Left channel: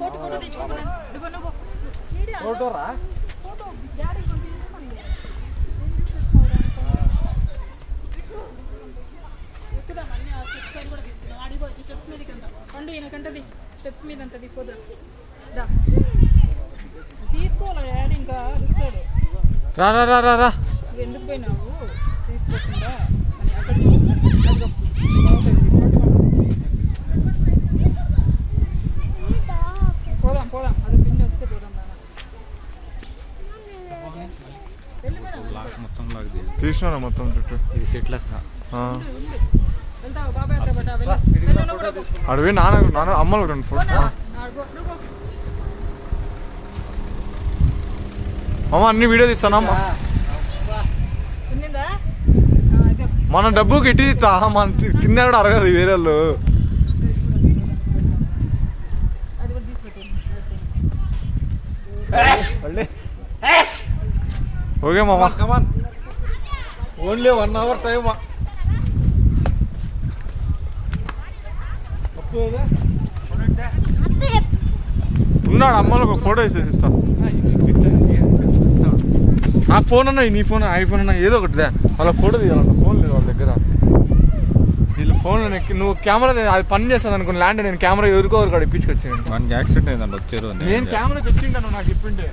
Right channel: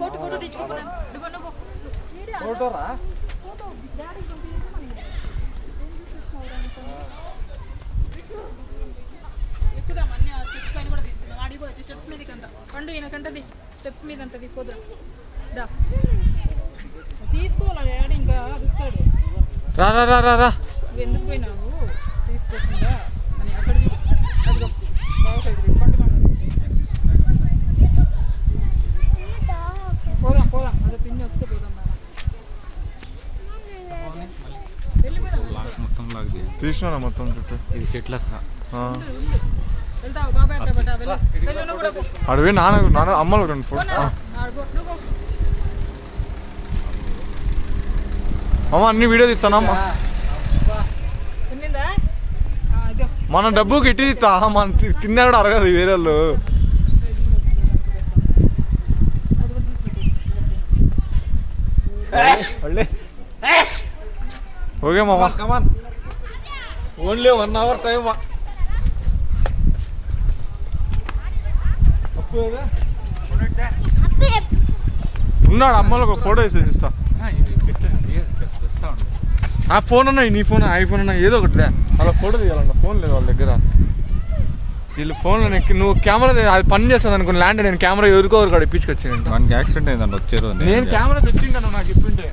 photo తెచ్చుకోమని photo రా photo daddy ఎక్కుదాం అన్ని స్టెప్స్ పైన కూడా తీసుకుందాం అడిగో స్టెప్స్ మీదకి అంట పండు ఈయనకంటది స్టెప్స్ మీద అంటది పోదు తీసుకోవాలి డాడీ ఇంకా వస్తాడు రా రా రా రా రా ఎందుకు పోయినావు తీసుకోకుండా అని అక్కడికి అదిగో బాగుంటుంది పట్టుకోండి పోదాం పోదాం అదే పిన్ని వస్తే పోదాం మొత్తం లాగ్ తీసినా మొత్తం చుట్టూ ఇది సెట్ల వెళ్తావు బాబాయ్ అంటే బట్ వెళ్ళను కూడా అడివి నాన్న అమ్మలు రెండు ఫోటో అమ్మ అన్ని వీడియో తీస్తానమ్మా తిందా మన డబ్బుకి ఇట్టి మన తిన్నా కూడా అరగదు వేరే వాళ్ళు అది కూడా తీసుకుంటాను ఓకే మామ కమాన్ ఓన్లీ 1 hour టైం ఉన్నాడు అమ్మలో ఒక ఫోటో వేసేసి ఇస్తా నా ఫోన్ అన్నా నీ ఫోన్ ఐఫోన్ అన్నా ఏదో ఒకటి అలా ఫోటో తీయాలంట ఫోన్ లేదు వాళ్ళ దగ్గర వీళ్ళు ఫోన్ నువ్వు కెమెరా అది పని చేస్తుంది అనుకుని ల్యాండ్ నేను కెమెరా ఎవరికో ఇప్పించుకొచ్చాను మనకి యాక్సిడెంట్ అయిందండి వచ్చారు నేను కెమెరా తెచ్చింటాను నాకు ఇప్పింటే